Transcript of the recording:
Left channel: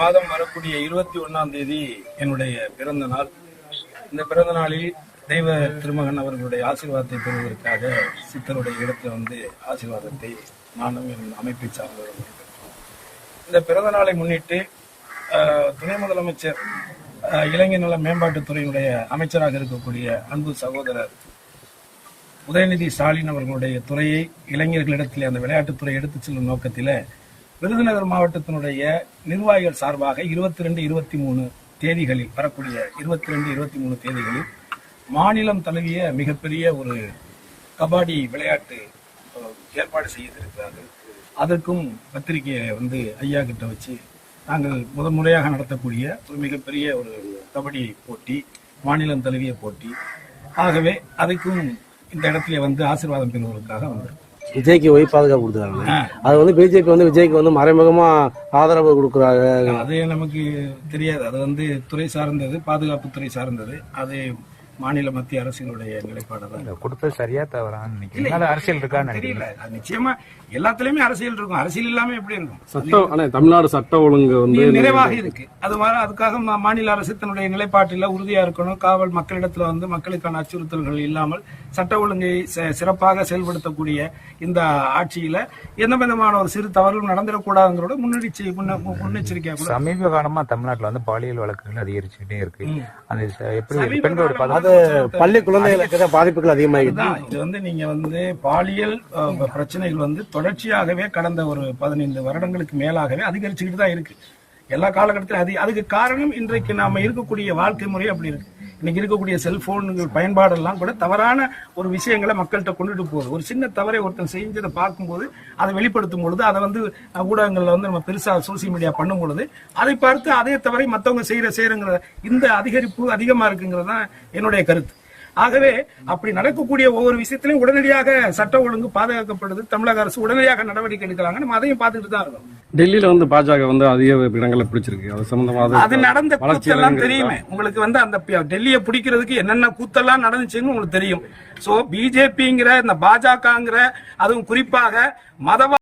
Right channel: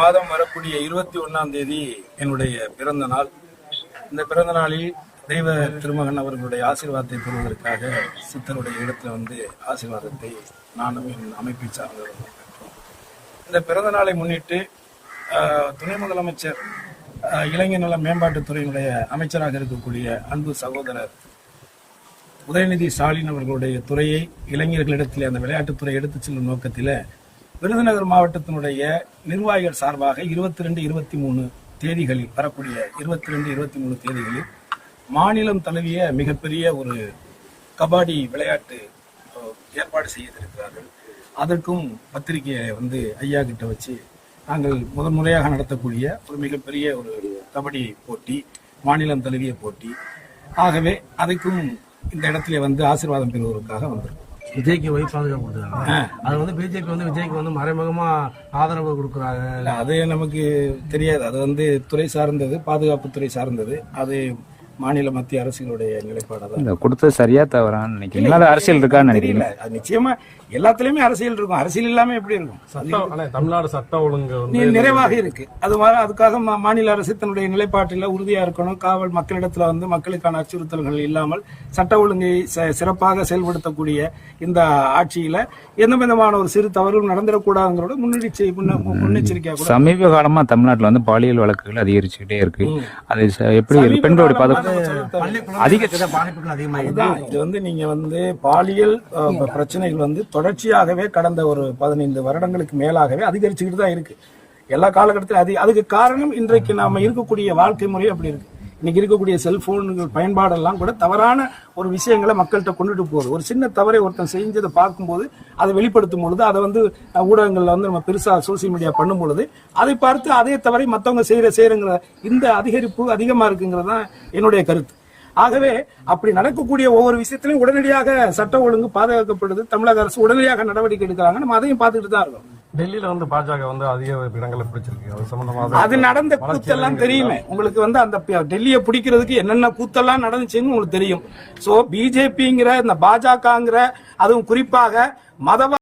மாதம் வரக்கூடிய 21ஆம் தேதி என்னுடைய பிறந்த நாள். இந்த பிறந்த நாளில் தெய்வ திருமகன் அவர்களுடைய ஆசீர்வாதத்தை பெறுவதற்காக சித்தருடைய இடத்துல ஆசீர்வாதத்தை நானும் என் அமைப்பை சார்ந்தவர்களும் பெற்றோம். இந்த பிறந்த நாளை முன்னிட்டு துணை முதலமைச்சர் இளைஞர் நல மேம்பாட்டுத்துறையினுடைய அமைச்சராக இருக்கக்கூடிய அன்பு சகோதரர் உதயநிதி ஸ்டாலின் அவர்களுடைய துறையை இளைஞர்களிடத்திலே அந்த விளையாட்டுத்துறை எடுத்துச் செல்லும் நோக்கத்தில் விருதுநகர் மாவட்டத்தினுடைய நிர்வாகிகள் சார்பாக 22, 23 தேதிகளில் வரக்கூடிய 22, 23 தேதிகளில் மாநிலம் தழுவிய மிகப்பெரிய ஒரு கபாடி விளையாட்டு ஏற்பாடு செய்திருக்கிறார்கள். அதற்கும் பத்திரிகையை ஐயா கிட்ட வச்சு நாங்கள் முதன்முறையாக நடத்தக்கூடிய ஒரு மிகப்பெரிய ஒரு கபடி போட்டி, மாநிலம் தழுவிய போட்டி. ஆகவே அதுக்கும் இந்த இடத்துல ஆசீர்வாதம் பெறுவதற்காக வந்திருக்கோம். விஜய்க்கு போய் பாதுகாப்பு கொடுக்குறாங்க. அது பிஜேபி விஜய்க்கு மறைமுகமா ஆதரவு கொடுக்குறாங்க. அது நமக்கு தெரியாது. அது துறை சார்ந்தது, பாதுகாப்பு துறை சார்ந்தது. அது மாநில மத்திய அரசுகளுடைய நிலைப்பாடு கொடுத்தது சரியா தவறான்னு நினைக்கிறேன். அரசியல் இருக்கான்னு தெரியல. அது நிச்சயமா எல்லாத்துலயுமே அரசியல் இருக்கும். அரசியல் இல்லாம எப்படி இருக்கும்? தமிழ்நாடு சட்ட ஒழுங்கு நிறைவாக இருக்கு. அதுக்காக மாநில அரசு தன்னுடைய நிலைப்பாட்டில் உறுதியா இருக்கணும். காவல் மக்களிடத்துல மக்களுக்கான அச்சுறுத்தல்கள் இல்லாமல் சட்ட ஒழுங்கை சிறப்பாக செயல்படுத்தக்கூடிய இந்த ஆட்சியில எந்த விதமான ஒரு சிறு தவறும் நடந்துடக்கூடாதுங்கிறோட முன்னெச்சரிக்கையா கூட. சமீப காலமா தமிழ்நாட்டில் பாலியல் வழக்குகள் அதிகரிச்சுக்கிட்டே இருக்கு. அது எப்படி பெண்களோட பாதிப்புகள் அதிகமாக இது நீங்க பாலியல் பிரச்சனைகள் தொடர்ச்சியாகவே கடந்த ஒரு 15 வருடங்களுக்கு மேலாகவே அதிகரிச்சுக்கிட்டு தான் இருக்கு. எல்லா காலகட்டத்திலும் அதுக்கு காரணம் இன்றைக்கு நாம இருக்கக்கூடிய வாழ்க்கை முறை அப்படி இருக்கு. இன்னைக்கு இருக்கக்கூடிய செல்போன்கள் பயன்பாடெல்லாம் கூட தவறான ஒரு விஷயங்களை மக்கள்கிட்ட கொண்டுட்டு போகுது. ஒரு சின்ன தவறை ஒருத்தன் செஞ்சதை பார்க்கும்போது அதை வெளிப்படுத்தும் பொழுது அதை ஊடகங்கள்ல நம்ம பெருசா சோசியல் மீடியா பண்ணும் பொழுது அதை பார்த்து அதே தவறை மற்றவங்க செய்யறங்கிற இந்த அதிகரிப்பு அதிகமா இருக்குங்கிறதுதான் என்னுடைய கருத்து. ஆகவே அப்படி நடக்கக்கூடிய ஒவ்வொரு விஷயத்திலும் உடனடியாக சட்ட ஒழுங்கு பாதுகாக்கப்படுது. தமிழக அரசு உடனடியாக நடவடிக்கை எடுக்கிறாங்க. நம்ம அதையும் பார்த்துட்டு தான் இருக்கோம். டெல்லியில பாஜக அதிக இடங்களை பிடிச்சிருக்கு. அது சம்பந்தமாக அது நடந்த கூத்தெல்லாம் தெரியுமே உங்களுக்கு. அந்த டெல்லியை பிடிக்கிறதுக்கு என்னென்ன கூத்தெல்லாம் நடந்துச்சுன்னு உங்களுக்கு தெரியும். சோ பிஜேபிங்கிற இந்த பாஜகங்கிற அதுவும் குறிப்பாக மதவாத